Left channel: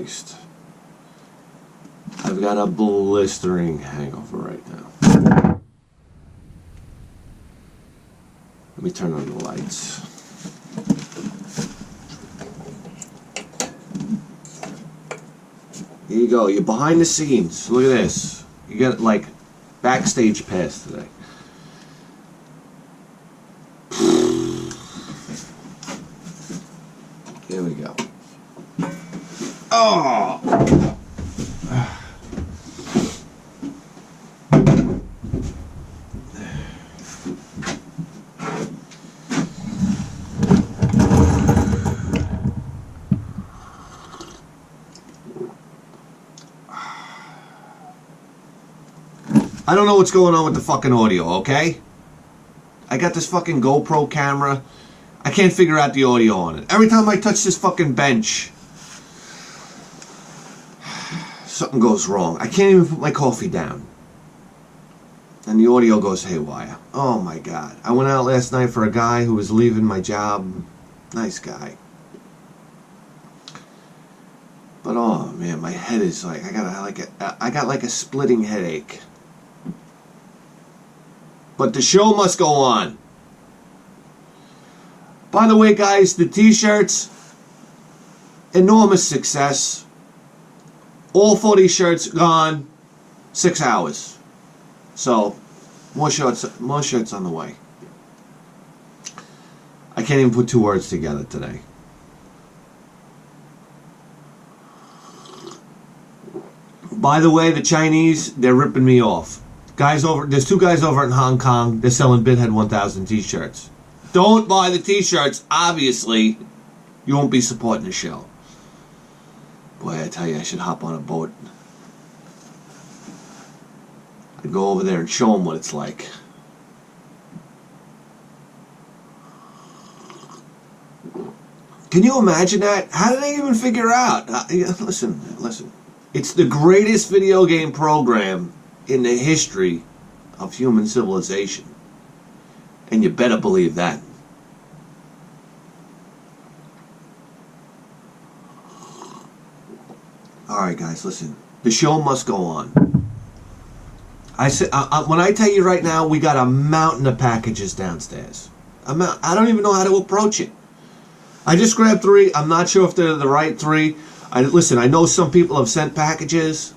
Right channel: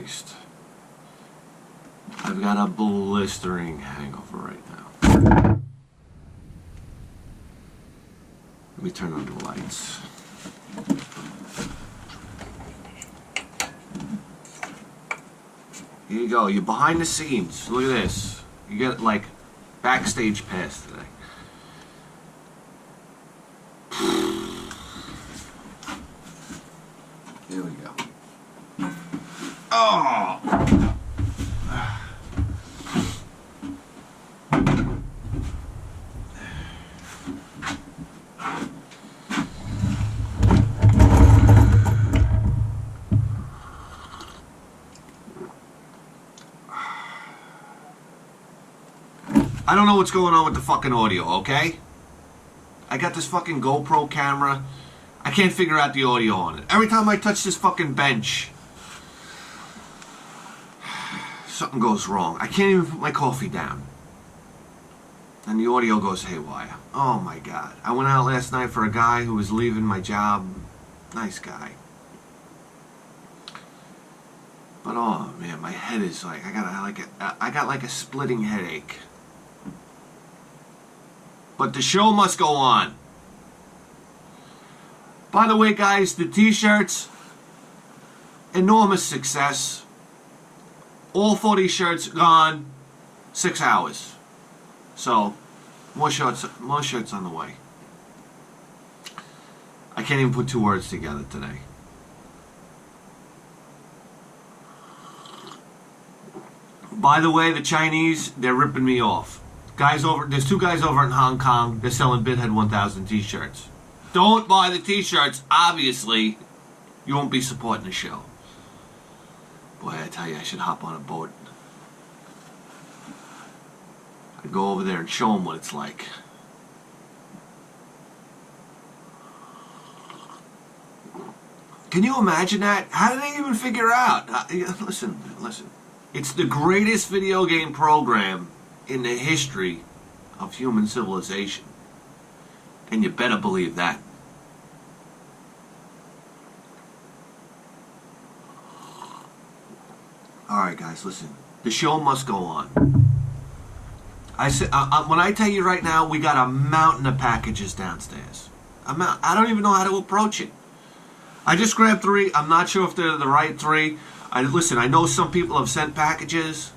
Christ. I've got a blistering hangover right now. Let me turn on the lights. Here you go. You're behind the scenes. Look at this. You get like backstage pass today. Here we go. Oh! I don't know what's going on with the fucking audio, okay? I got this fucking GoPro camera. I can't figure out the audio on it. Every time I touch this fucking bench, something goes wrong. I can't even put my coffee down. And the audio goes haywire. Oh my God. I went out last night for a guy who was leaving my job. Nice guy. But oh man, my head is like, I got like a splitting headache. But the show must go on. By the way, guys, the t-shirts, enormous success. All 40 shirts gone, 6 hours. So, more shirts on the way. I can't even put 2 words together today. By the way, the Chinese, they're ripping me off. There's 2 guys over in Hong Kong. They're selling Bithead 1000 t-shirts. Don't buy the t-shirts. Obviously, you won't be supporting the show. Boy, I tell you, I should hop on a boat. I'd go over there and show them what it's like. Can you imagine that? How did they even figure out? Listen. It's the greatest video game program in the history of human civilization. And you better believe that. Alright guys, listen. The show must go on. I said, when I tell you right now, we got a mountain of packages downstairs. I don't even know how to approach it. I just grabbed 3. I'm not sure if they're the right 3. Listen, I know some people have sent packages.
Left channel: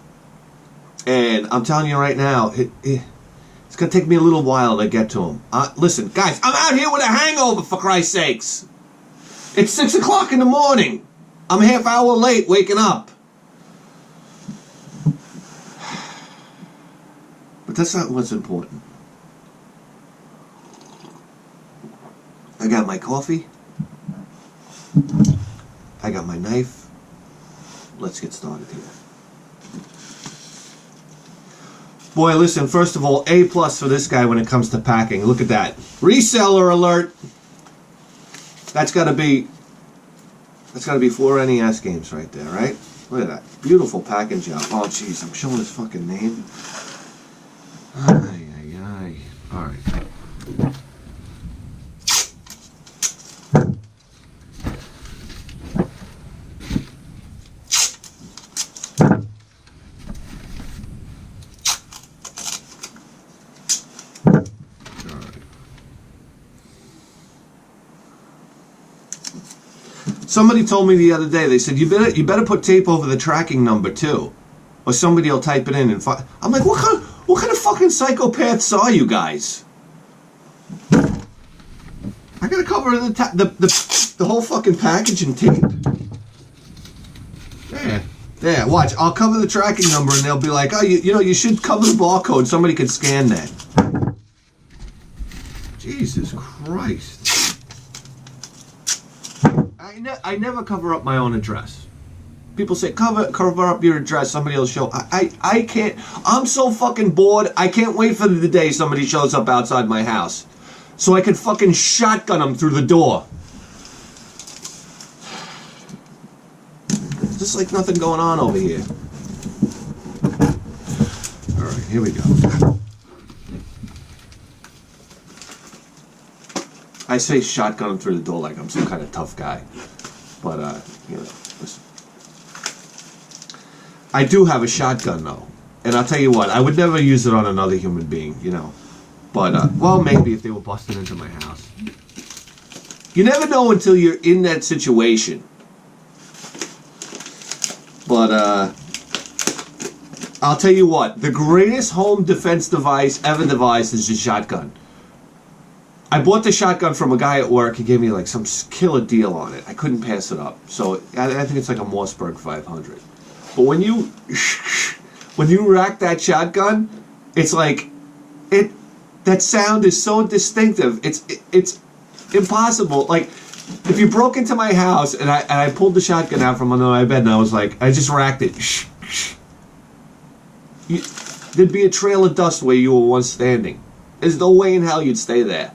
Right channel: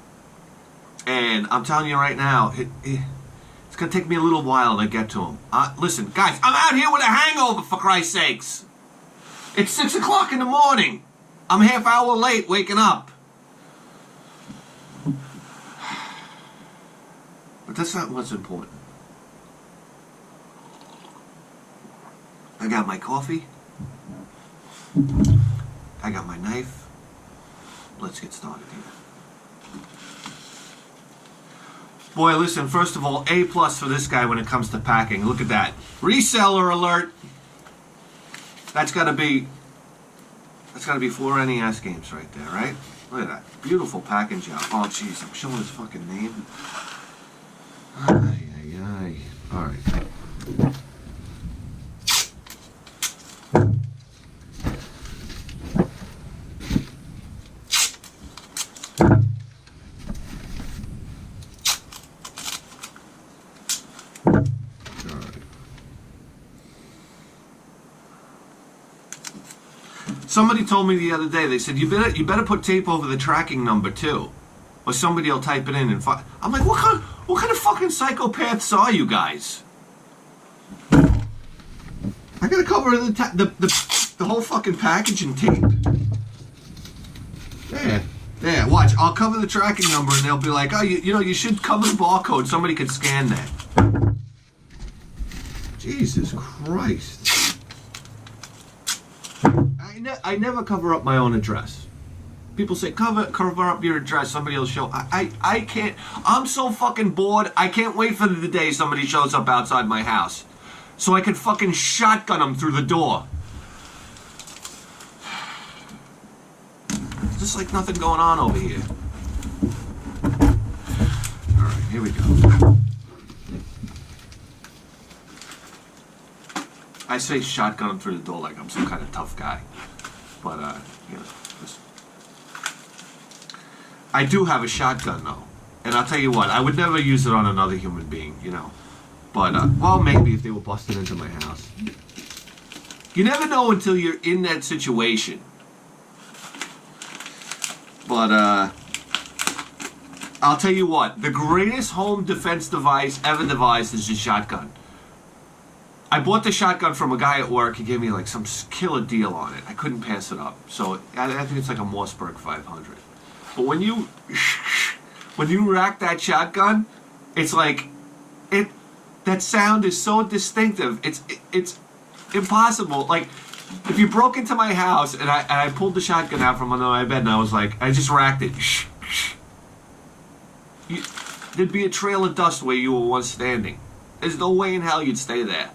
And I'm telling you right now, it's going to take me a little while to get to them. Listen, guys, I'm out here with a hangover, for Christ's sakes. It's 6 o'clock in the morning. I'm a half hour late waking up. But that's not what's important. I got my coffee. I got my knife. Let's get started here. Boy, listen, first of all, A+ for this guy when it comes to packing. Look at that. Reseller alert. That's got to be 4 NES games right there, right? Look at that. Beautiful packing job. Oh, jeez, I'm showing his fucking name. Ay. All right. Somebody told me the other day, they said, you better put tape over the tracking number too. Or somebody will type it in and I'm like, what kind of fucking psychopaths are you guys? I gotta cover the whole fucking package in tape. There, watch. I'll cover the tracking number and they'll be like, oh, you should cover the barcode. Somebody could scan that. Jesus Christ. I never cover up my own address. People say, cover up your address, somebody will show. I can't. I'm so fucking bored, I can't wait for the day somebody shows up outside my house. So I can fucking shotgun them through the door. Just like nothing going on over here. Alright, here we go. I say shotgun them through the door like I'm some kind of tough guy. But, you know, listen. I do have a shotgun though, and I'll tell you what, I would never use it on another human being, you know. But well, maybe if they were busting into my house. You never know until you're in that situation. But I'll tell you what, the greatest home defense device ever devised is a shotgun. I bought the shotgun from a guy at work. He gave me like some killer deal on it. I couldn't pass it up. So I think it's like a Mossberg 500. But when you rack that shotgun, it's like that sound is so distinctive. It's impossible. Like if you broke into my house and I pulled the shotgun out from under my bed and I was like, I just racked it. There'd be a trail of dust where you were once standing. There's no way in hell you'd stay there.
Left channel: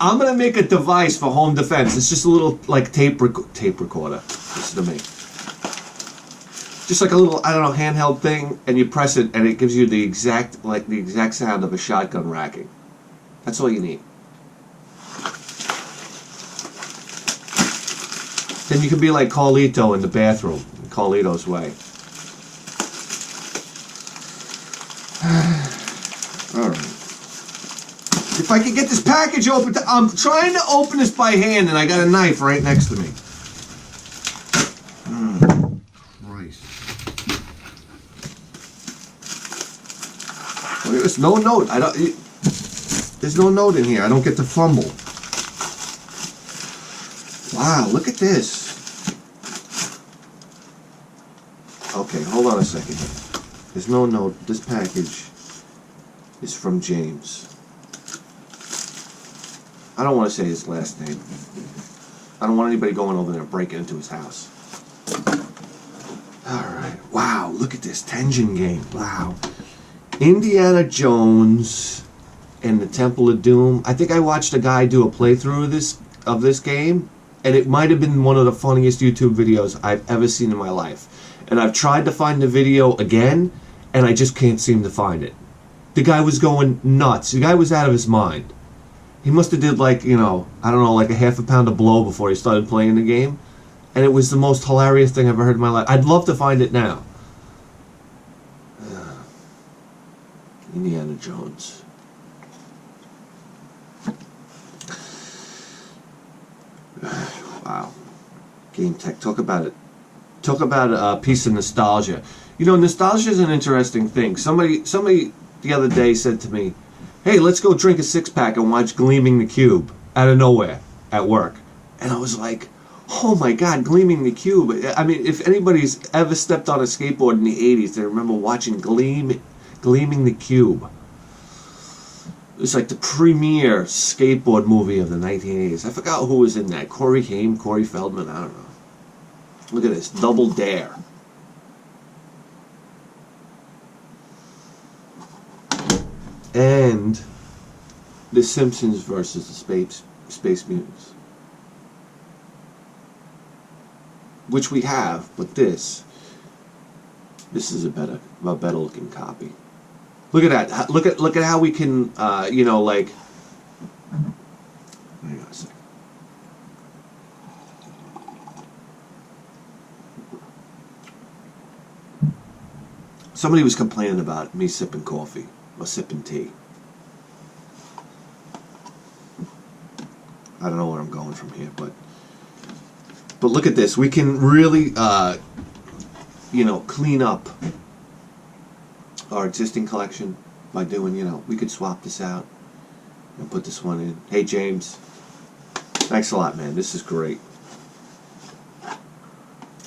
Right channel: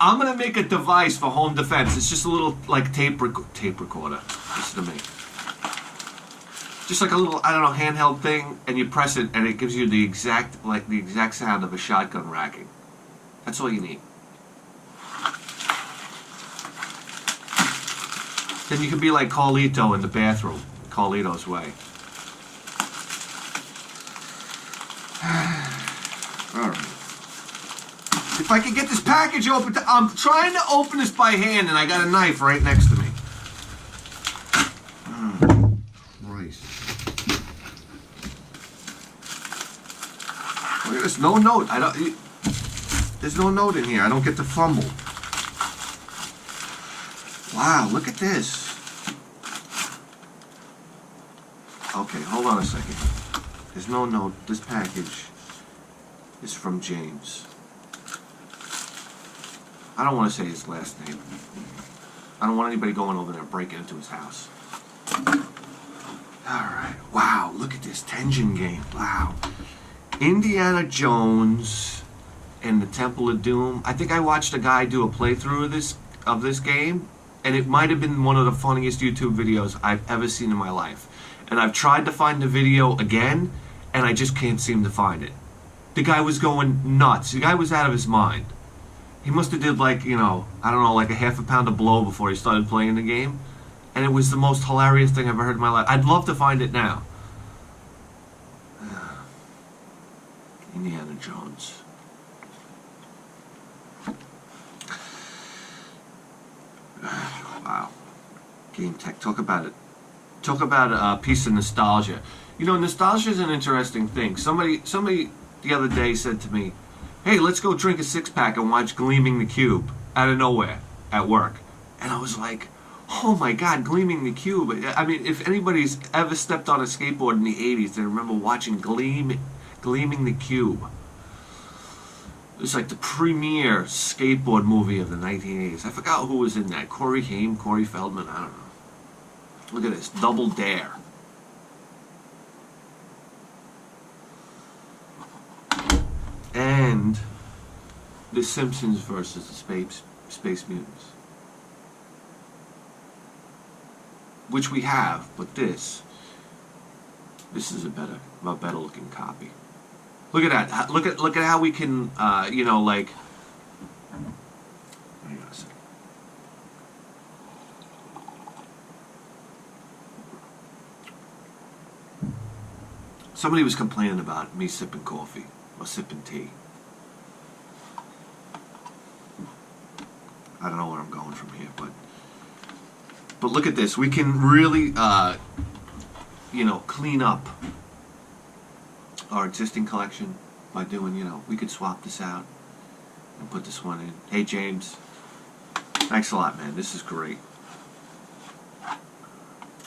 I'm gonna make a device for home defense. It's just a little like tape recorder. Listen to me. Just like a little, I don't know, handheld thing, and you press it, and it gives you the exact sound of a shotgun racking. That's all you need. Then you can be like Carlito in the bathroom, Carlito's way. All right. If I could get this package open, I'm trying to open this by hand, and I got a knife right next to me. Christ. Look at this. No note. There's no note in here. I don't get to fumble. Wow, look at this. Okay, hold on a second here. There's no note. This package is from James. I don't want to say his last name. I don't want anybody going over there and breaking into his house. Alright. Wow, look at this Tension game. Wow. Indiana Jones and the Temple of Doom. I think I watched a guy do a playthrough of this game, and it might have been one of the funniest YouTube videos I've ever seen in my life. And I've tried to find the video again, and I just can't seem to find it. The guy was going nuts. The guy was out of his mind. He must have did like, you know, I don't know, like a half a pound of blow before he started playing the game. And it was the most hilarious thing I've ever heard in my life. I'd love to find it now. Indiana Jones. Wow. Game tech. Talk about it. Talk about a piece of nostalgia. You know, nostalgia is an interesting thing. Somebody the other day said to me, hey, let's go drink a six-pack and watch Gleaming the Cube out of nowhere at work. And I was like, oh my God, Gleaming the Cube. I mean, if anybody's ever stepped on a skateboard in the 80s, they remember watching Gleaming the Cube. It was like the premier skateboard movie of the 1980s. I forgot who was in that. Corey Haim, Corey Feldman, I don't know. Look at this, Double Dare. And The Simpsons versus the Space Mutants. Which we have, but this is a better looking copy. Look at that. Look at how we can, you know, like. Hang on a second. Somebody was complaining about me sipping coffee or sipping tea. I don't know where I'm going from here, but look at this. We can really, you know, clean up our existing collection by doing, you know, we could swap this out and put this one in. Hey, James. Thanks a lot, man. This is great.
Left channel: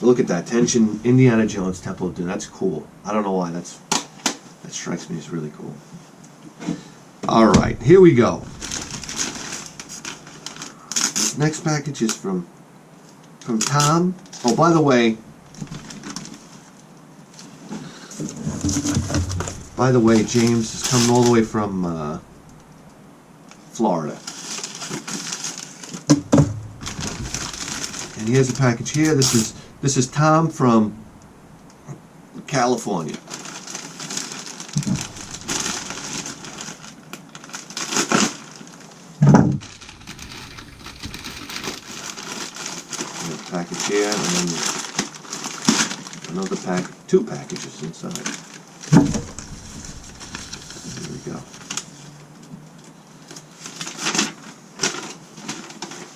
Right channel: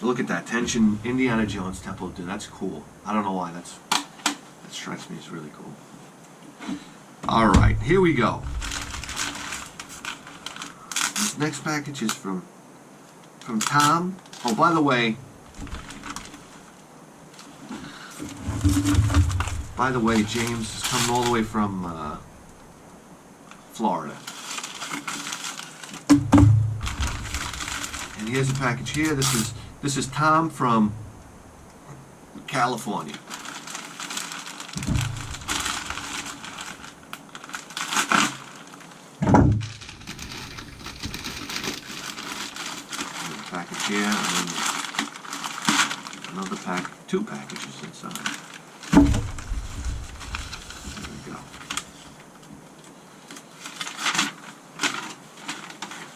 Look at that. Tension, Indiana Jones, Temple of Doom. That's cool. I don't know why. That strikes me as really cool. All right. Here we go. This next package is from Tom. Oh, by the way, James is coming all the way from Florida. And here's a package here. This is Tom from California. Package here, and then another pack, 2 packages inside. There we go.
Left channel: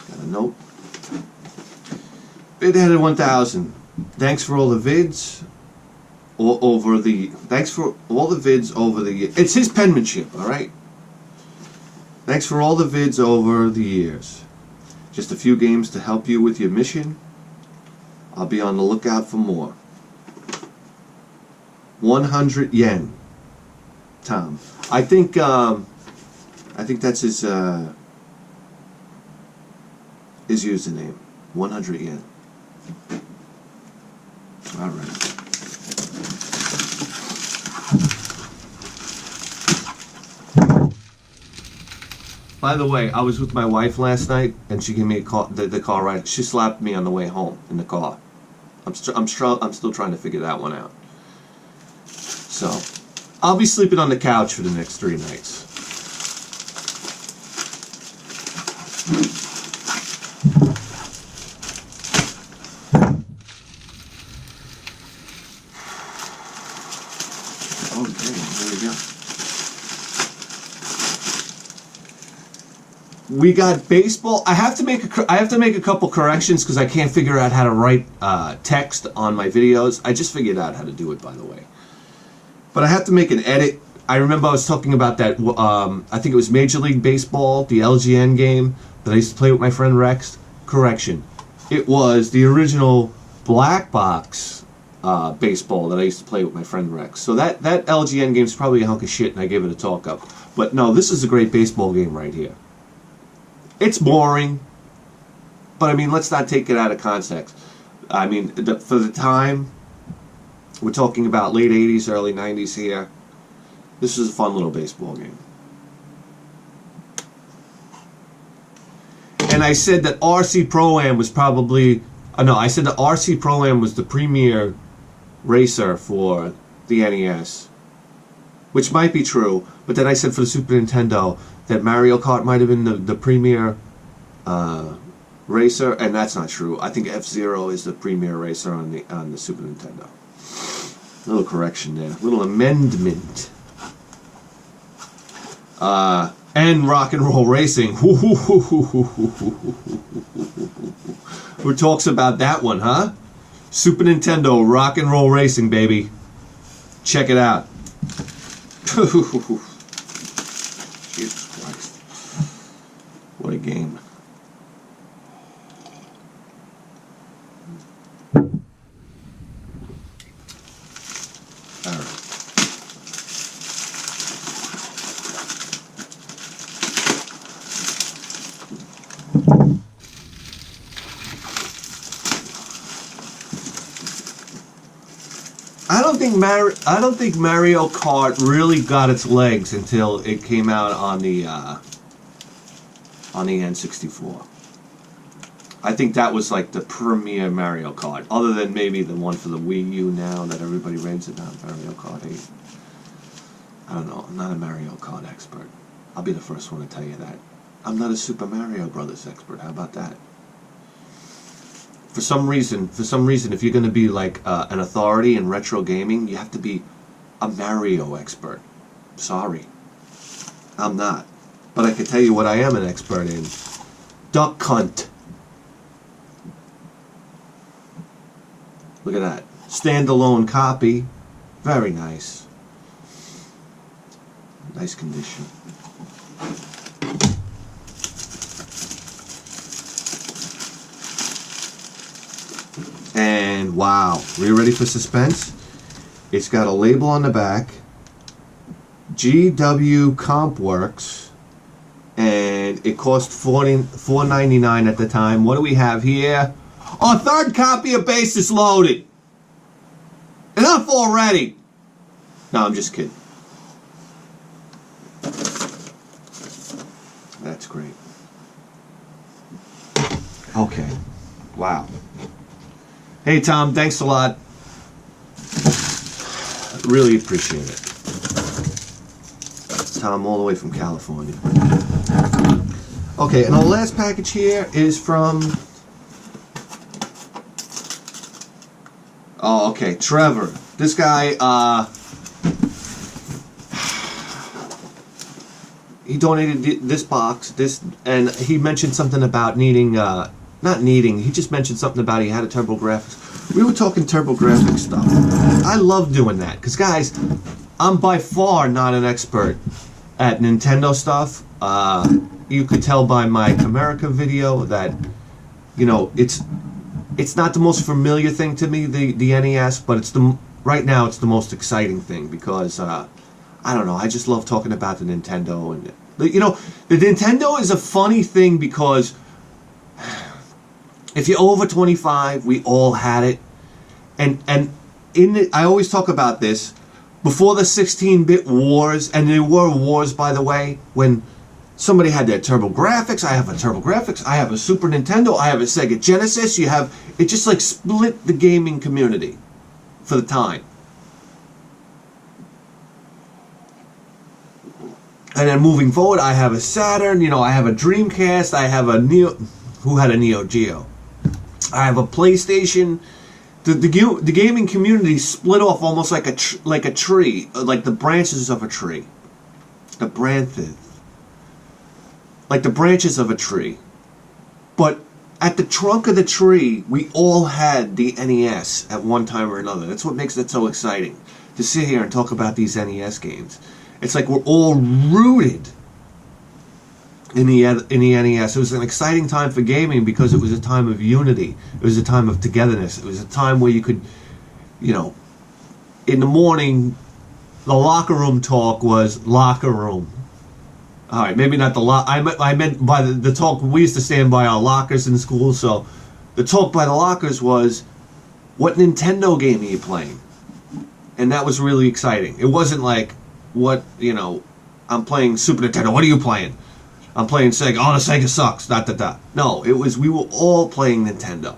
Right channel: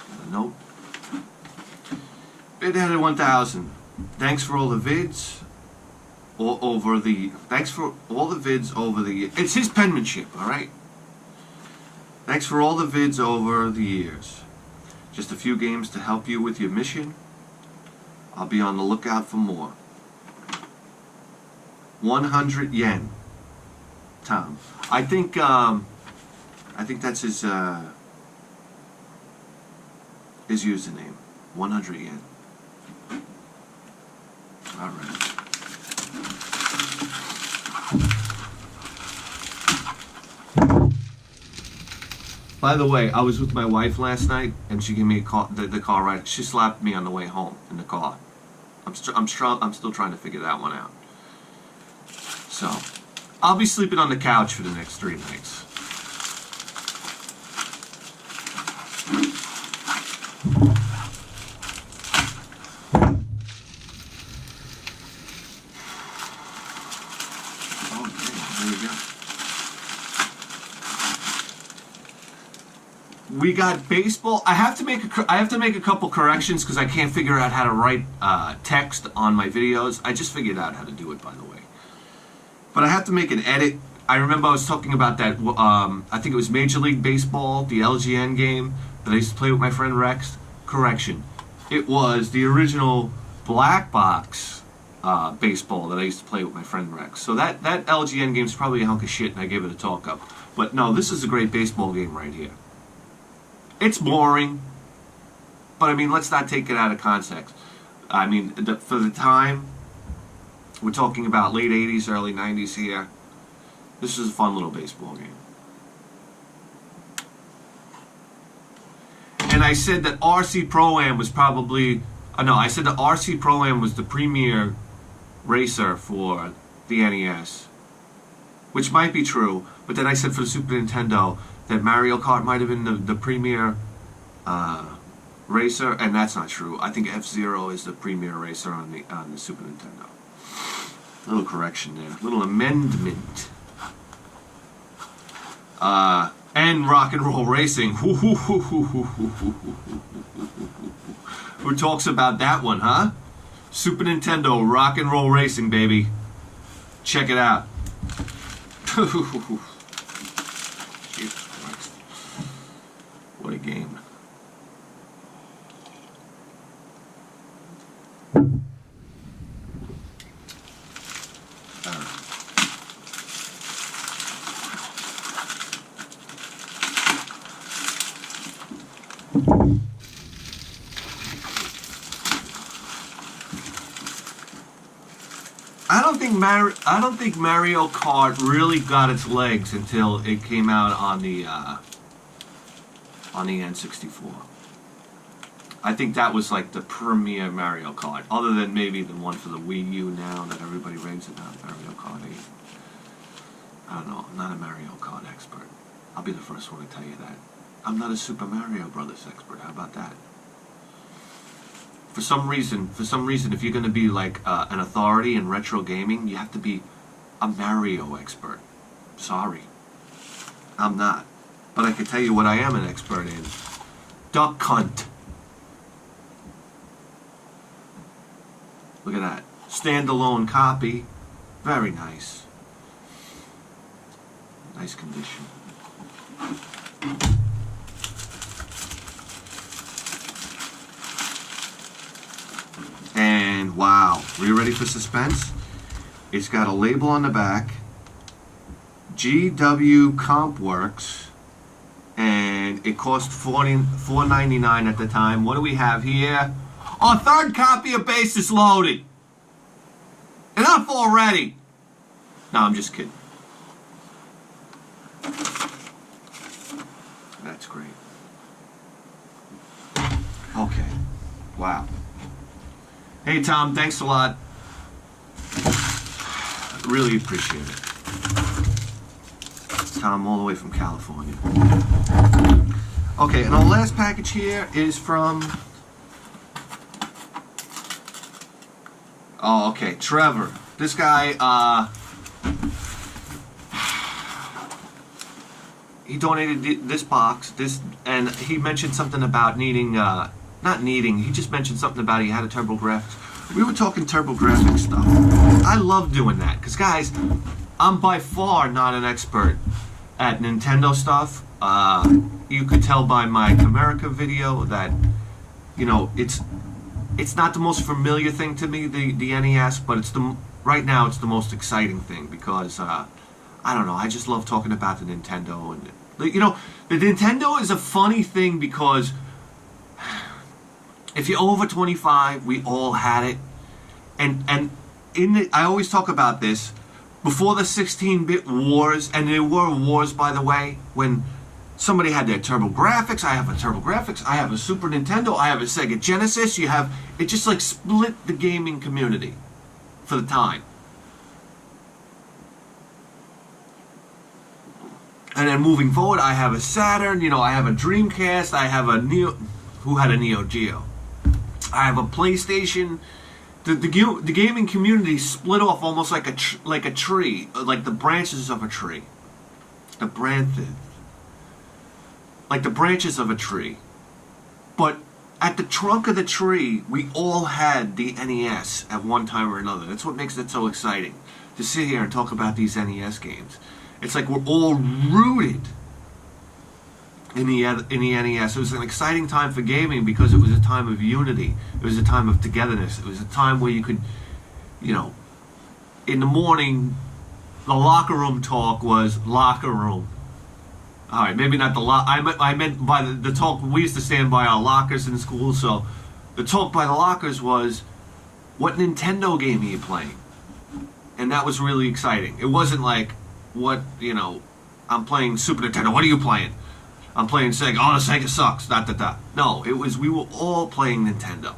Got a note. Vidheaded 1000. Thanks for all the vids. Thanks for all the vids over the years. It's his penmanship, all right? Thanks for all the vids over the years. Just a few games to help you with your mission. I'll be on the lookout for more. 100 yen. Tom. I think that's his username. 100 yen. All right. By the way, I was with my wife last night, and she gave me a call, the car ride. She slapped me on the way home in the car. I'm still trying to figure that one out. So, I'll be sleeping on the couch for the next 3 nights. Okay, there we go. We got baseball. I have to make a couple corrections because I can't figure out how to write text on my videos. I just figured out how to do it, by the way. But I have to make an edit. I remember I was talking about that. I think it was Major League Baseball, the LGN game that I used to play with my friend Rex. Correction. It was the original black box baseball that I used to play with my friend Rex. So that LGN game is probably a hunk of shit, and I gave it a talk up. But no, this is a great baseball game right here. It's boring, but I mean, let's not take it out of context. I mean, for the time, we're talking about late 80s, early 90s here. This is a fun little baseball game. And I said that RC Pro-Am was probably... no, I said that RC Pro-Am was the premier racer for the NES. Which might be true, but then I said for the Super Nintendo that Mario Kart might have been the premier racer, and that's not true. I think F-Zero is the premier racer on the Super Nintendo. Little correction there, little amendment. And Rock and Roll Racing. Who talks about that one, huh? Super Nintendo Rock and Roll Racing, baby. Check it out. Jesus Christ. What a game. All right. I don't think Mario Kart really got its legs until it came out on the N64. I think that was like the premier Mario Kart, other than maybe the one for the Wii U now that everybody raves about, Mario Kart 8. I don't know. I'm not a Mario Kart expert. I'll be the first one to tell you that. I'm not a Super Mario Brothers expert. How about that? For some reason, if you're going to be like an authority in retro gaming, you have to be a Mario expert. Sorry. I'm not. But I can tell you what I am an expert in. Duck Hunt. Look at that. Standalone copy. Very nice. Nice condition. And wow, are you ready for suspense? It's got a label on the back, GW Comp Works, and it cost $4.99 at the time. What do we have here? Our third copy of Base is loaded. Enough already. No, I'm just kidding. That's great. Okay. Wow. Hey, Tom, thanks a lot. Really appreciate it. Tom, all the way from California. Okay, and our last package here is from... Oh, okay. Trevor. This guy, he donated this box, and he mentioned something about needing, not needing, he just mentioned something about he had a TurboGrafx. We were talking TurboGrafx stuff. I love doing that, because guys, I'm by far not an expert at Nintendo stuff. You could tell by my Comerica video that, you know, it's not the most familiar thing to me, the NES, but right now it's the most exciting thing, because I don't know, I just love talking about the Nintendo. And you know, the Nintendo is a funny thing, because if you're over 25, we all had it, and I always talk about this before the 16-bit wars, and there were wars, by the way, when somebody had their TurboGrafx. I have a TurboGrafx. I have a Super Nintendo. I have a Sega Genesis. It just like split the gaming community for the time. And then moving forward, I have a Saturn. You know, I have a Dreamcast. I have a Neo. Who had a Neo Geo? I have a PlayStation. The gaming community split off almost like a tree, like the branches of a tree. The branches. Like the branches of a tree. But at the trunk of the tree, we all had the NES at one time or another. That's what makes it so exciting, to sit here and talk about these NES games. It's like we're all rooted in the NES. It was an exciting time for gaming, because it was a time of unity. It was a time of togetherness. It was a time where you could, you know, in the morning, the locker room talk was locker room. All right, maybe not the I meant by the talk. We used to stand by our lockers in school, so the talk by the lockers was, what Nintendo game are you playing? And that was really exciting. It wasn't like, what, you know, I'm playing Super Nintendo. What are you playing? I'm playing Sega. Oh, the Sega sucks. No, it was, we were all playing Nintendo.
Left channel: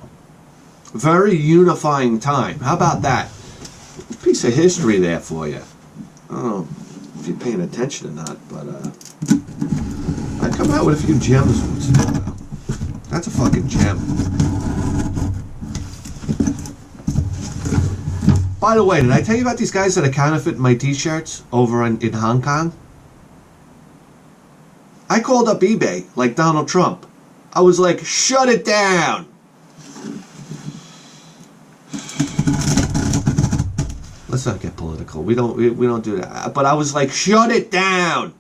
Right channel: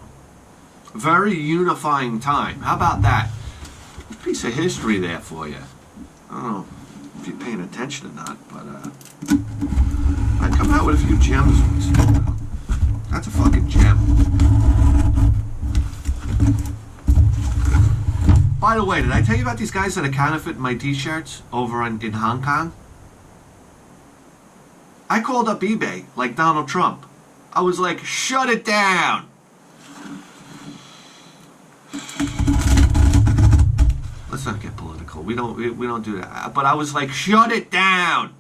Very unifying time. How about that? A piece of history there for you. I don't know if you're paying attention or not, but I come out with a few gems once in a while. That's a fucking gem. By the way, did I tell you about these guys that are counterfeiting my T-shirts over in Hong Kong? I called up eBay like Donald Trump. I was like, shut it down. Let's not get political. We don't do that. But I was like, shut it down.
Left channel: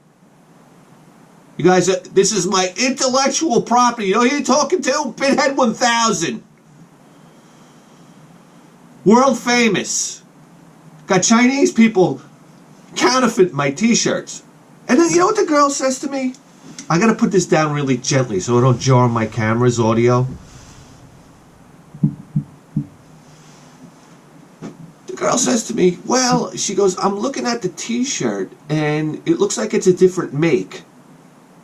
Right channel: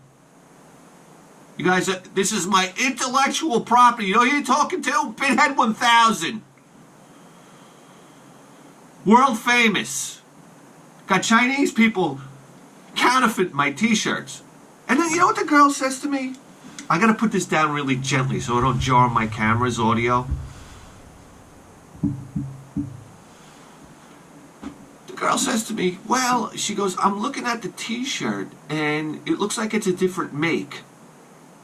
You guys, this is my intellectual property. You know who you're talking to? Bithead 1000. World famous. Got Chinese people counterfeit my T-shirts. And then you know what the girl says to me? I gotta put this down really gently so it don't jar my camera's audio. The girl says to me, well, she goes, I'm looking at the T-shirt and it looks like it's a different make.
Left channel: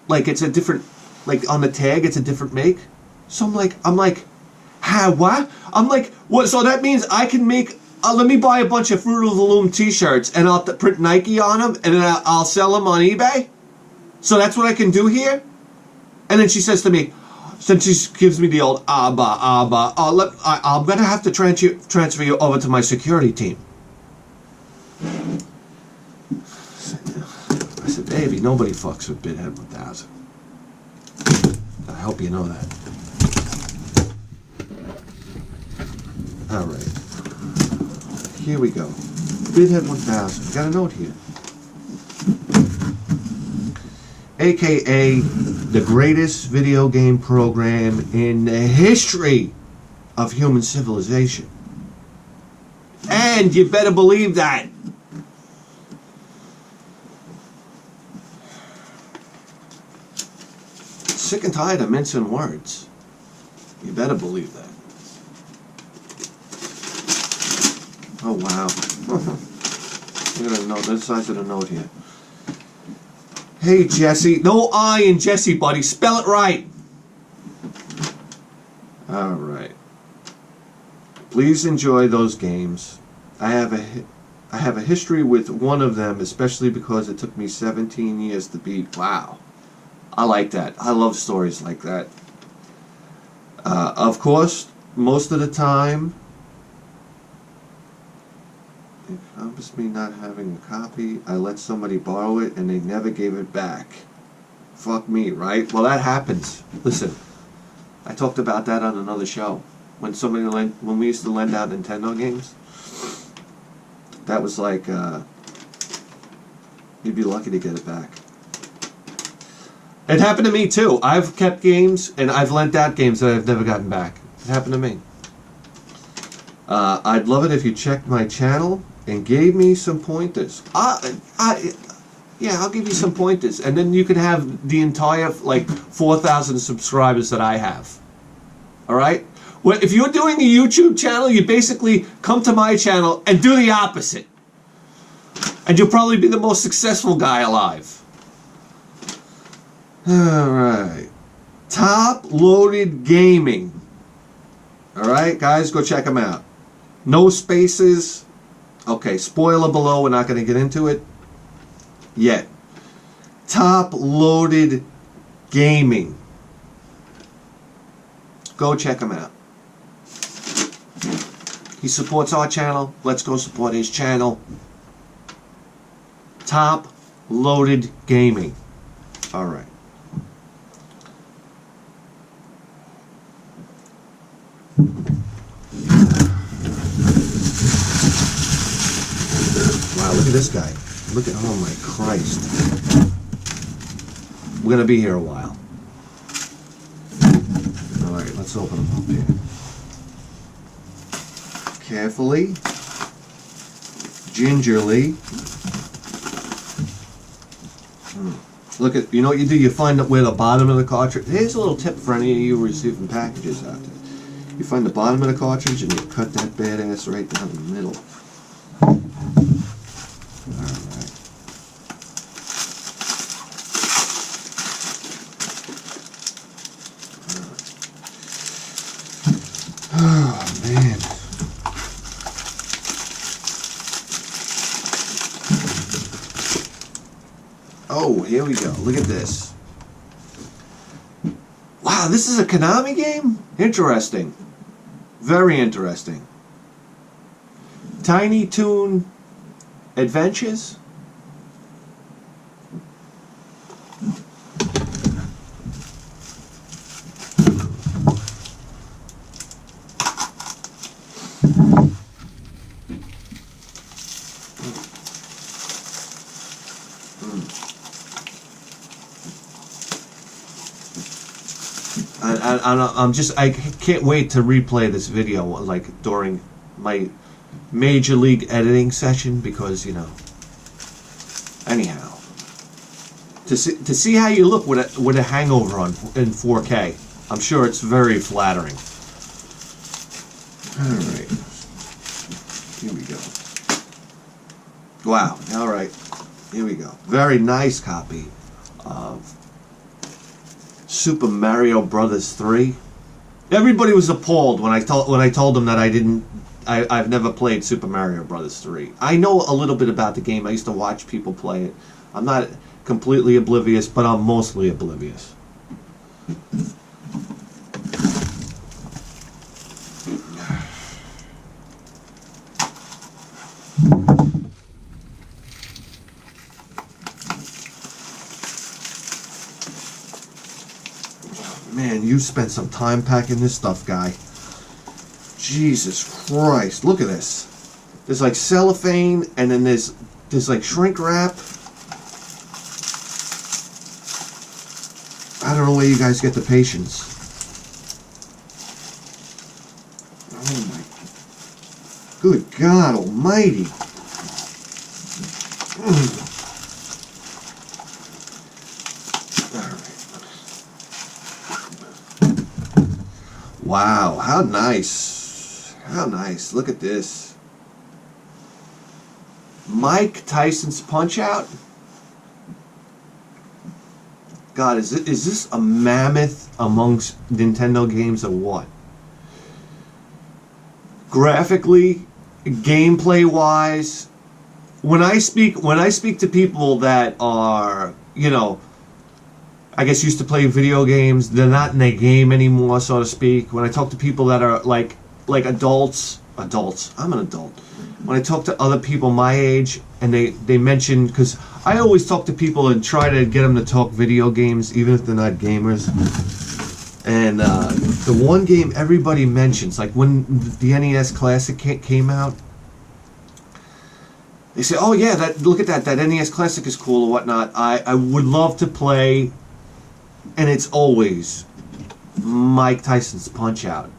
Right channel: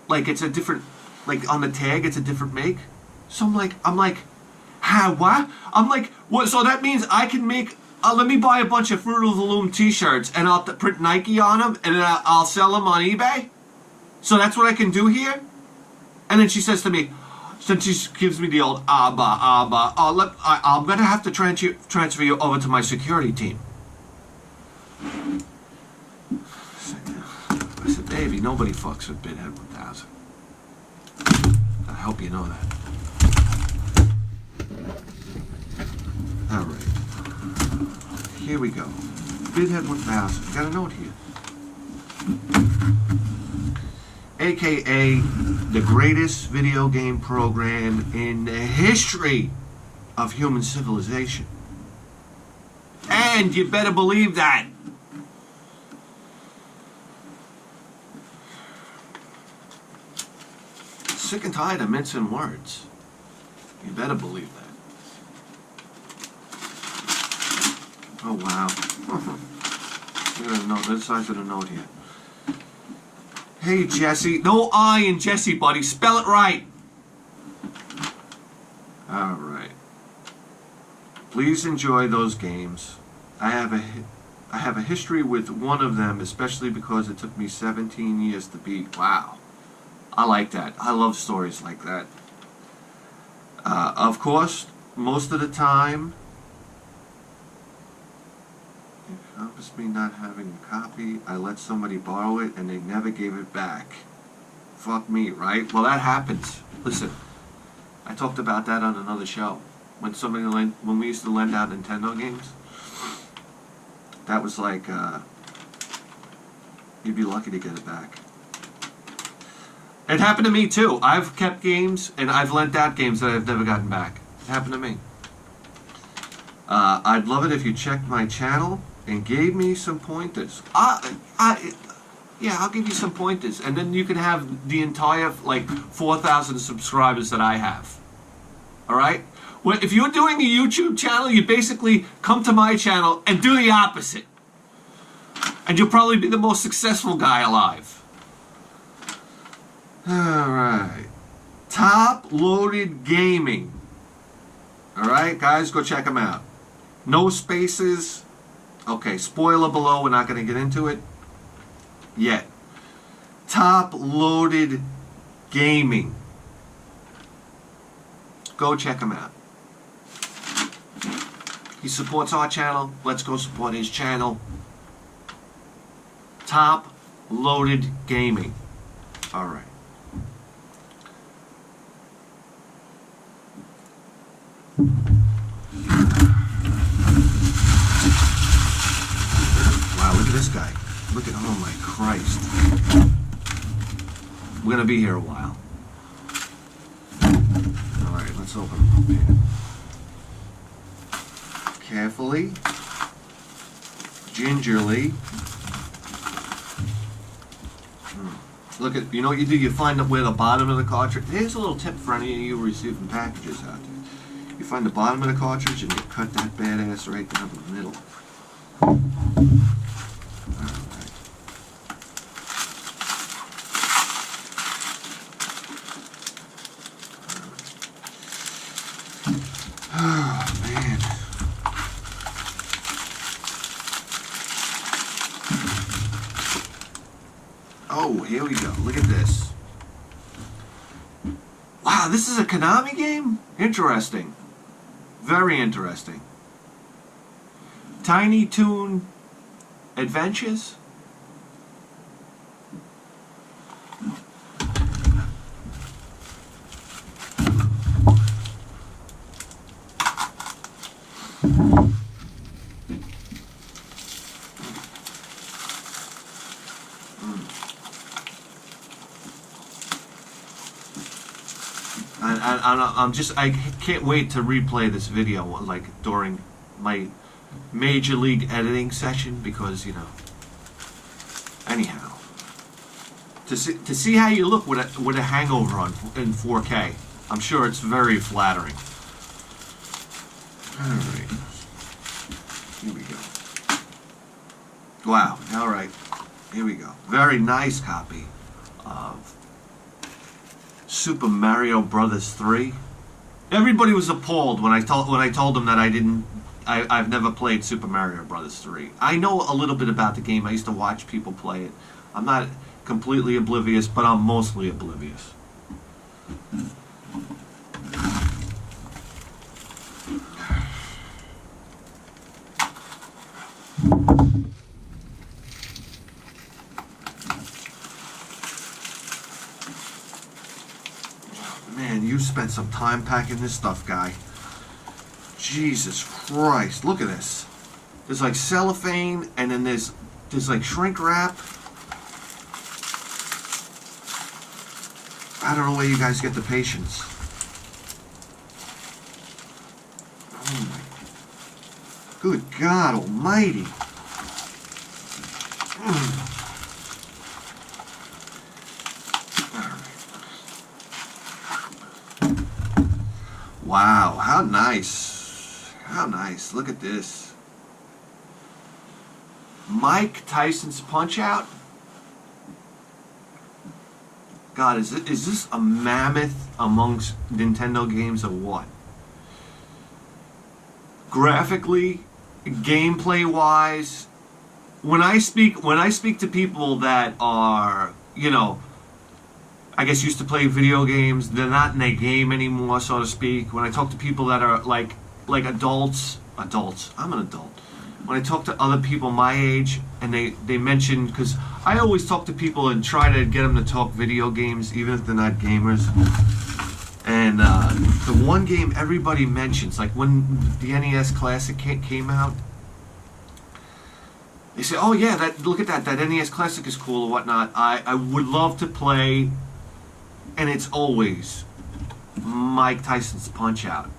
Like it's a different, like on the tag, it's a different make. So I'm like, huh, what? I'm like, what? So that means I can make, let me buy a bunch of Fruit of the Loom T-shirts and I'll print Nike on them and then I'll sell them on eBay? So that's what I can do here? And then she says to me, then she gives me the old I'm going to have to transfer you over to my security team. I said, baby, nobody fucks with Bithead 1000. I hope you know that. All right. Here we go. Bithead 1000. Got a note here. AKA the greatest video game program in the history of human civilization. And you better believe that. Sick and tired of mincing words. You better believe that. Oh, wow. Look at the note, the size of the note here. Hey, Jesse. No I in Jesse, buddy. Spell it right. All right. Please enjoy those games. I have a history with one of them, especially because it took me 17 years to beat. Wow. I like that. I love stories like that. Of course, most of the time, encompassed me not having a copy. I let somebody borrow it and they never gave it back. Fuck me, right? Well, that happens. Listen, I talked about that on another show. When we used to lend out Nintendo games, that was like, you'd be lucky to get it back. It happened to me too. I've kept games and I've lent out games that I've never gotten back. It happened to me. I'd love it if you checked my channel and gave me some pointers. Yeah, I'll give you some pointers, and then you can have the entire 4,000 subscribers that I have. All right. Well, if you're doing a YouTube channel, you basically come to my channel and do the opposite, and you'll probably be the most successful guy alive. All right. Top Loaded Gaming. All right, guys, go check them out. No spaces. Okay, spoiler below. We're not going to get into it yet. Top Loaded Gaming. Go check him out. He supports our channel. Let's go support his channel. Top Loaded Gaming. All right. Wow, look at this guy. Look at, oh my Christ. We're going to be here a while. All right, let's open them up here. Carefully. Gingerly. Look at, you know what you do? You find where the bottom of the cartridge. Here's a little tip for any of you receiving packages out there. You find the bottom of the cartridge and you cut that badass right down the middle. Alright. Oh, man. Oh, here we go. Look at this. Wow, this is a Konami game? Interesting. Very interesting. Tiny Toon Adventures? I can't wait to replay this video like during my major league editing session, because anyhow, to see how you look with a Hangover in 4K, I'm sure it's very flattering. All right, here we go. Wow. All right, here we go. Very nice copy of Super Mario Brothers 3. Everybody was appalled when I told them that I've never played Super Mario Brothers 3. I know a little bit about the game. I used to watch people play it. I'm not completely oblivious, but I'm mostly oblivious. Man, you spent some time packing this stuff, guy. Jesus Christ, look at this. There's like cellophane, and then there's like shrink wrap. I don't know where you guys get the patience. Oh my, good God almighty. Wow, how nice. How nice. Look at this. Mike Tyson's Punch-Out? God, is this a mammoth amongst Nintendo games or what? Graphically, gameplay-wise, when I speak to people that are, I guess used to play video games, they're not in their game anymore, so to speak. When I talk to people that are like adults, I'm an adult. when I talk to other people my age, and they mention, because I always talk to people and try to get them to talk video games, even if they're not gamers. And the one game everybody mentions, like when the NES Classic came out, they say, "Oh yeah, look at that NES Classic is cool or whatnot." I would love to play, and it's always Mike Tyson's Punch-Out.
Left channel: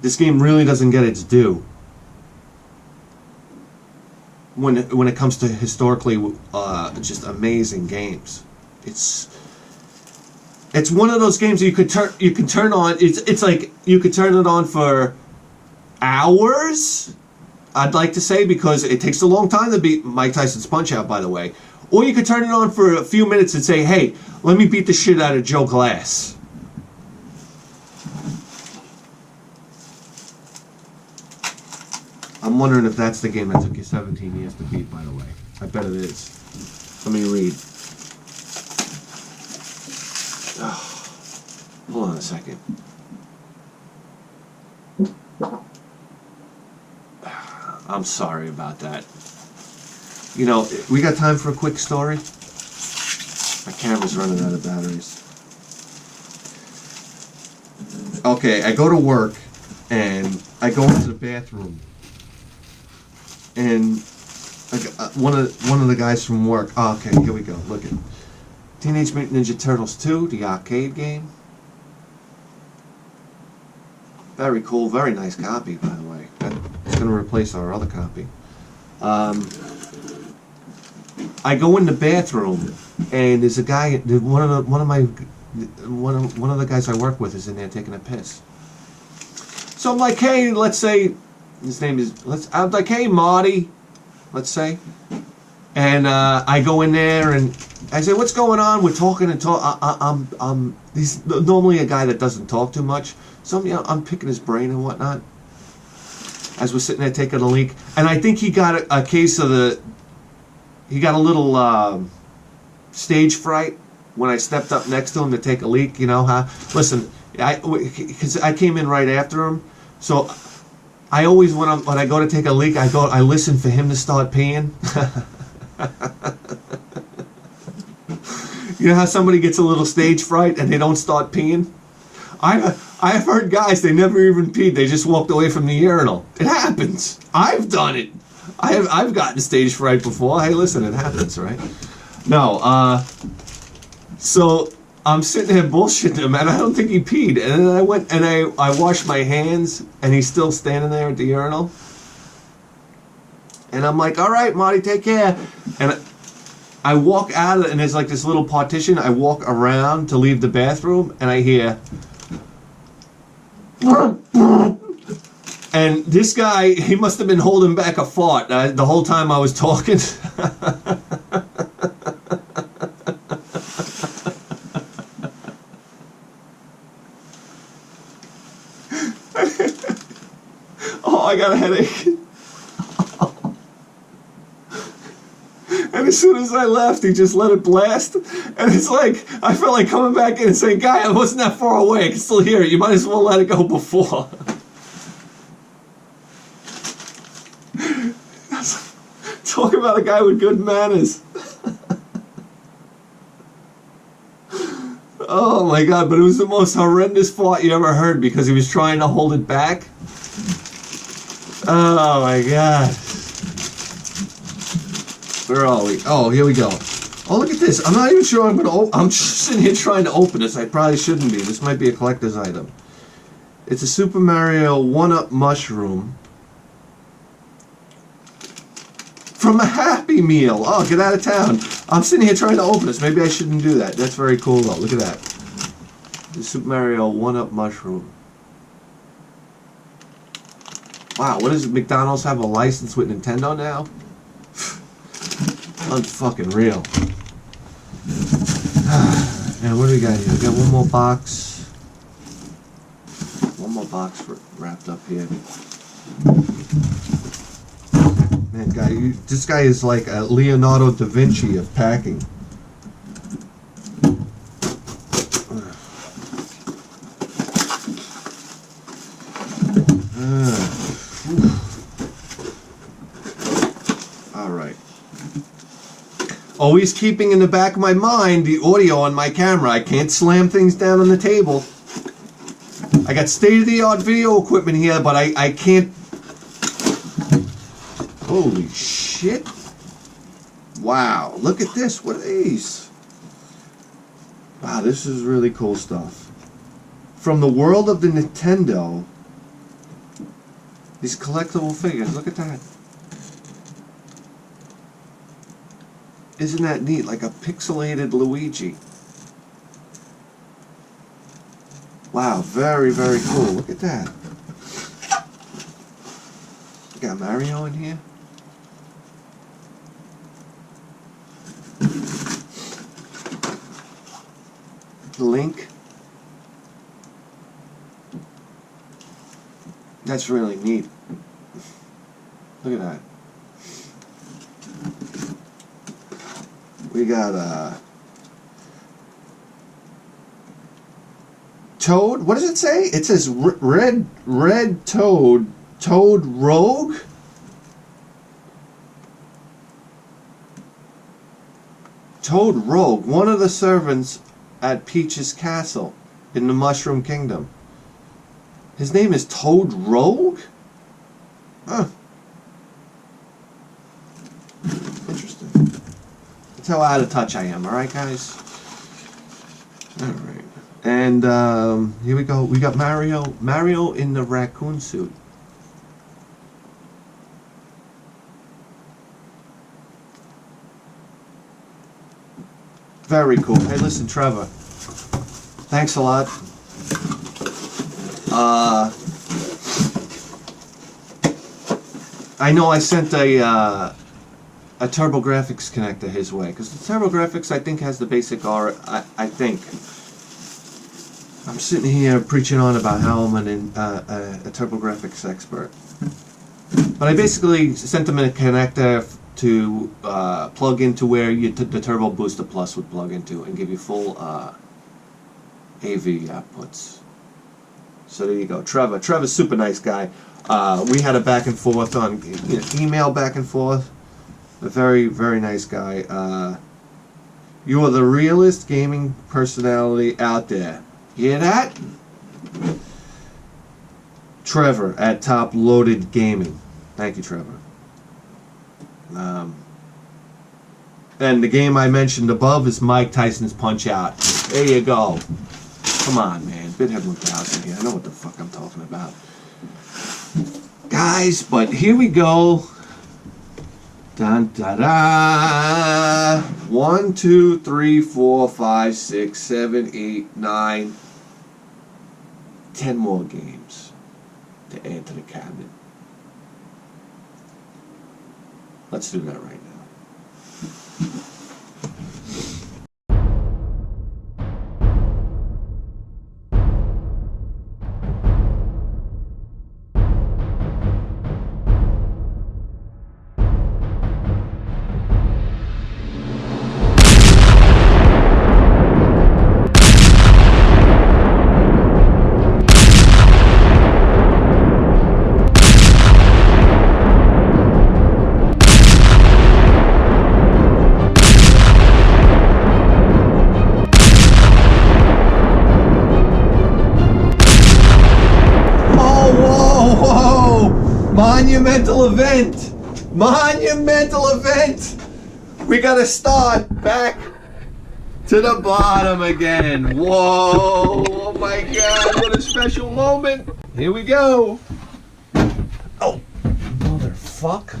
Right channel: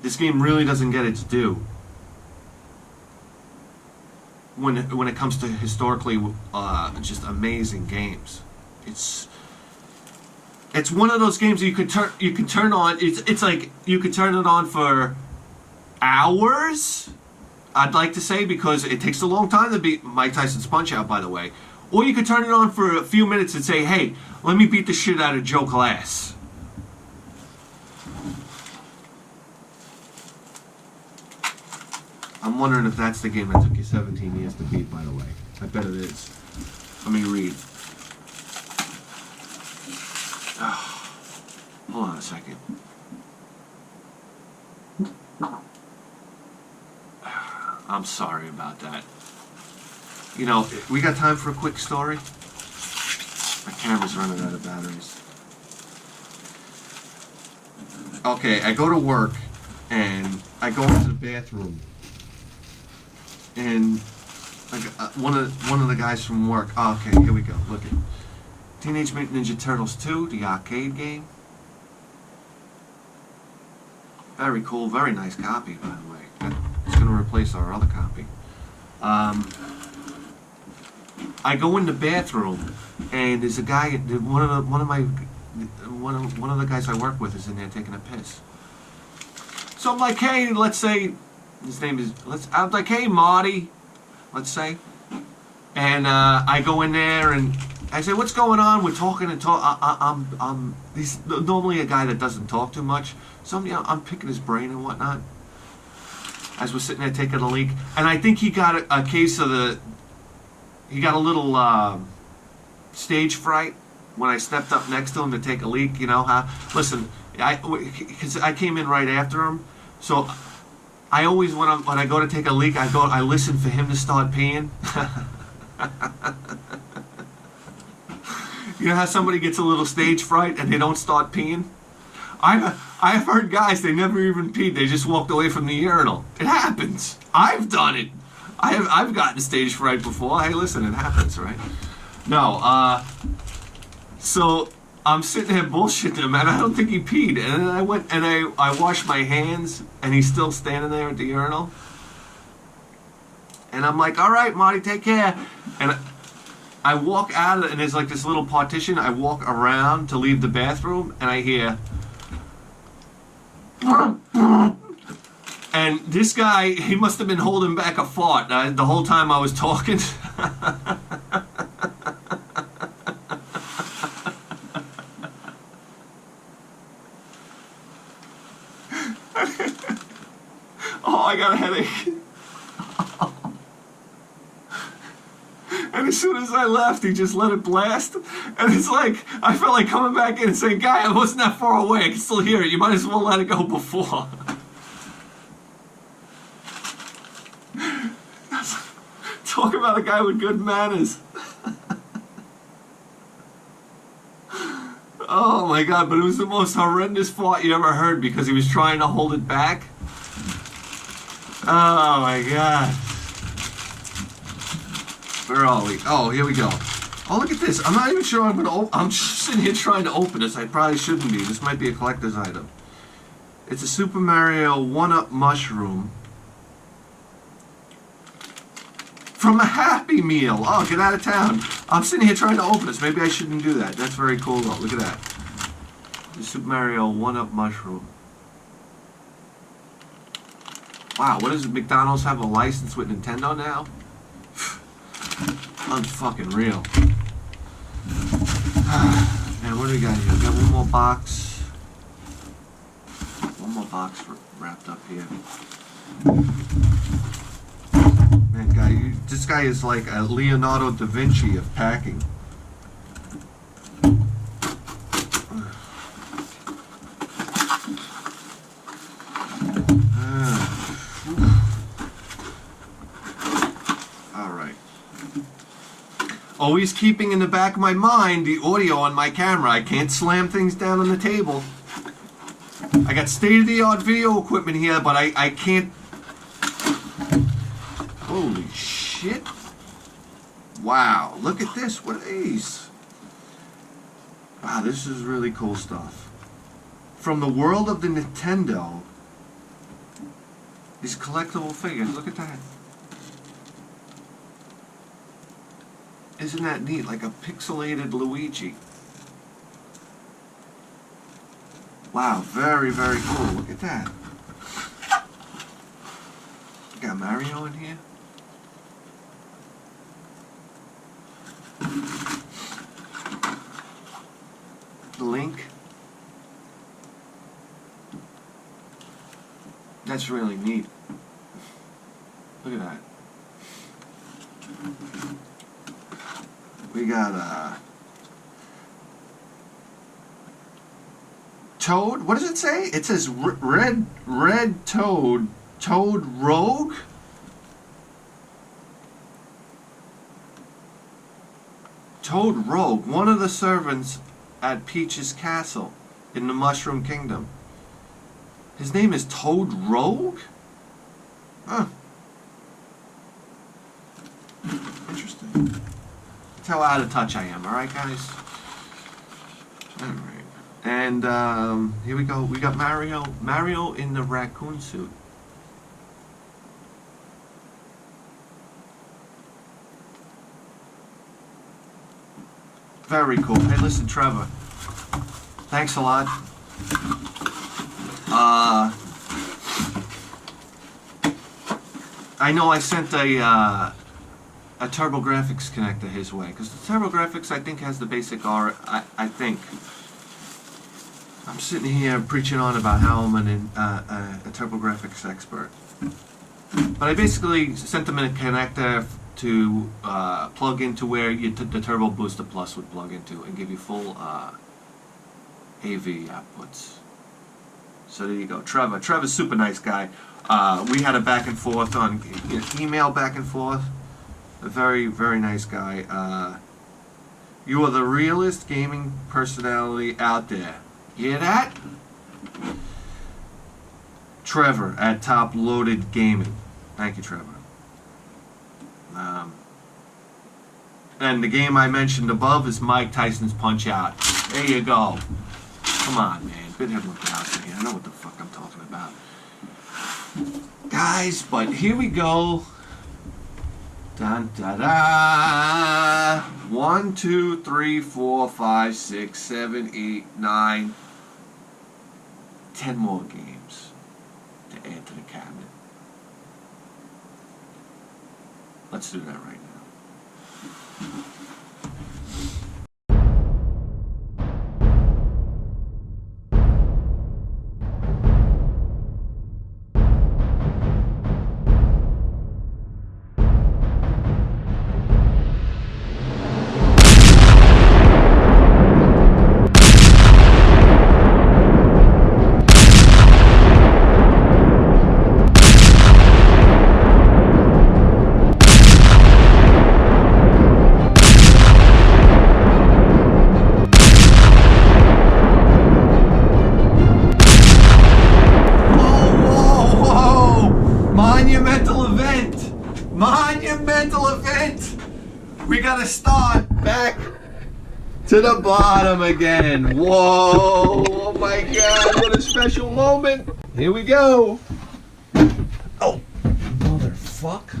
This game really doesn't get its due when it comes to historically just amazing games. It's one of those games that you can turn on. It's like you could turn it on for hours, I'd like to say, because it takes a long time to beat Mike Tyson's Punch-Out, by the way. Or you could turn it on for a few minutes and say, "Hey, let me beat the shit out of Joe Glass." I'm wondering if that's the game that took you 17 years to beat, by the way. I bet it is. Let me read. Hold on a second. I'm sorry about that. You know, we got time for a quick story? My camera's running out of batteries. Okay, I go to work, and I go into the bathroom. And one of the guys from work. Oh, okay, here we go. Look at Teenage Mutant Ninja Turtles 2, the arcade game. Very cool, very nice copy, by the way. It's going to replace our other copy. I go in the bathroom, and there's a guy. One of the guys I work with is in there taking a piss. So I'm like, "Hey, let's say." His name is, I'm like, "Hey, Marty," let's say. And I go in there and I say, "What's going on?" We're talking and he's normally a guy that doesn't talk too much. So I'm picking his brain and whatnot as we're sitting there taking a leak. And I think he got a case of he got a little stage fright when I stepped up next to him to take a leak. You know how? Listen, because I came in right after him. So I always, when I go to take a leak, I listen for him to start peeing. You know how somebody gets a little stage fright and they don't start peeing? I've heard guys, they never even peed, they just walked away from the urinal. It happens. I've done it. I've gotten stage fright before. Hey, listen, it happens, right? No, so I'm sitting there bullshitting him, and I don't think he peed. And then I went and I washed my hands, and he's still standing there at the urinal. And I'm like, "All right, Marty, take care." And I walk out of it, and there's like this little partition. I walk around to leave the bathroom, and I hear... And this guy, he must have been holding back a fart the whole time I was talking. Oh, I got a headache. And as soon as I left, he just let it blast. And it's like, I felt like coming back in and saying, "Guy, I wasn't that far away. I can still hear it. You might as well let it go before." Talk about a guy with good manners. Oh my God, but it was the most horrendous fart you ever heard because he was trying to hold it back. Oh my God. Where are we? Oh, here we go. Oh, look at this. I'm not even sure I'm just sitting here trying to open this. I probably shouldn't be. This might be a collector's item. It's a Super Mario 1-Up mushroom from a Happy Meal. Oh, get out of town. I'm sitting here trying to open this. Maybe I shouldn't do that. That's very cool, though. Look at that. The Super Mario 1-Up mushroom. Wow, what is it? McDonald's have a license with Nintendo now? Unfucking real. And what do we got here? We got one more box. One more box wrapped up here. Man, this guy is like a Leonardo da Vinci of packing. Always keeping in the back of my mind the audio on my camera. I can't slam things down on the table. I got state-of-the-art video equipment here, but I can't... Holy shit. Wow, look at this. What are these? Wow, this is really cool stuff. From the world of the Nintendo, these collectible figures. Look at that. Isn't that neat? Like a pixelated Luigi. Wow, very, very cool. Look at that. You got Mario in here. Link. That's really neat. Look at that. We got Toad. What does it say? It says red Toad. Toad Rogue? Toad Rogue, one of the servants at Peach's castle in the Mushroom Kingdom. His name is Toad Rogue? Huh. Interesting. That's how out of touch I am, alright guys? Alright. And here we go. We got Mario in the raccoon suit. Very cool. Hey, listen, Trevor. Thanks a lot. I know I sent a TurboGrafx connector his way, because the TurboGrafx I think has the basic R. I think. I'm sitting here preaching on about how I'm a TurboGrafx expert, but I basically sent him a connector to plug into where the Turbo Booster Plus would plug into and give you full AV outputs. So there you go, Trevor. Trevor's a super nice guy. We had a back and forth on email back and forth. A very, very nice guy. You are the realest gaming personality out there. You hear that? Trevor at Top Loaded Gaming. Thank you, Trevor. And the game I mentioned above is Mike Tyson's Punch-Out. There you go. Come on, man. Bithead 1000 here. I know what the fuck I'm talking about. Guys, but here we go. Dun da da. 1, 2, 3, 4, 5, 6, 7, 8, 9, 10 more games to add to the cabinet. Let's do that right now. Monumental event! We gotta start back to the bottom again. Whoa! Oh my god, what a special moment! Here we go! Oh, motherfuck.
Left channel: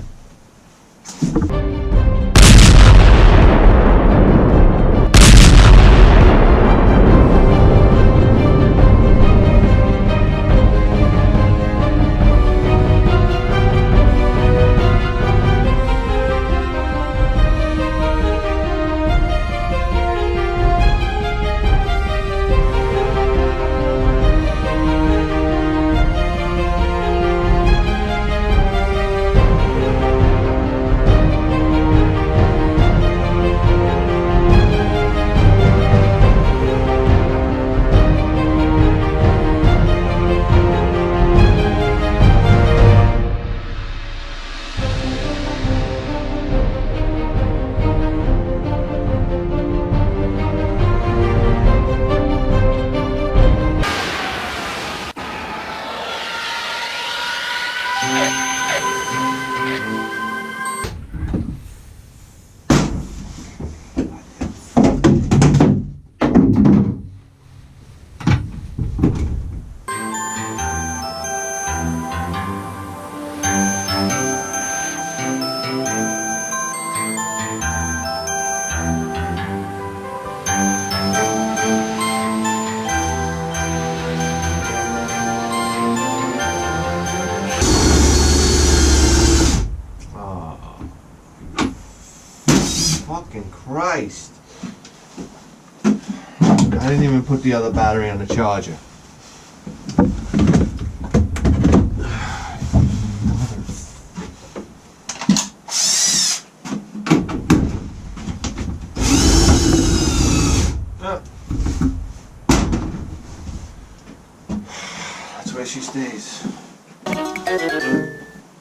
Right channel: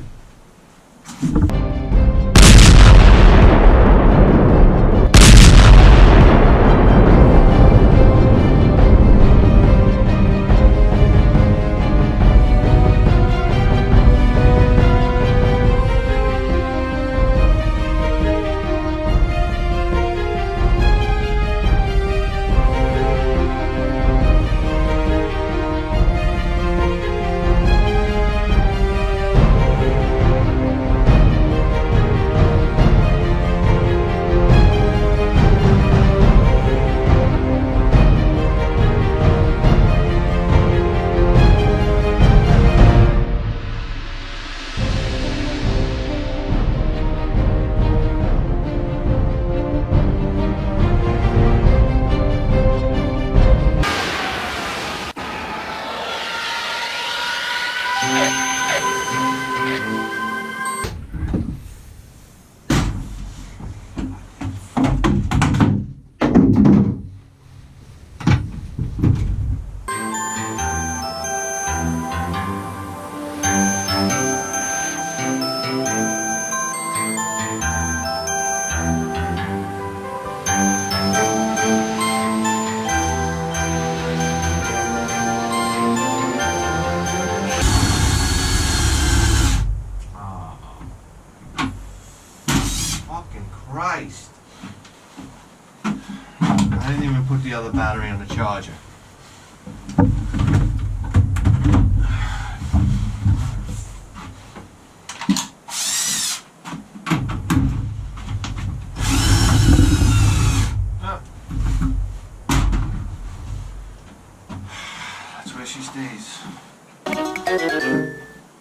Christ. I didn't even put the other battery on the charger. That's where she stays.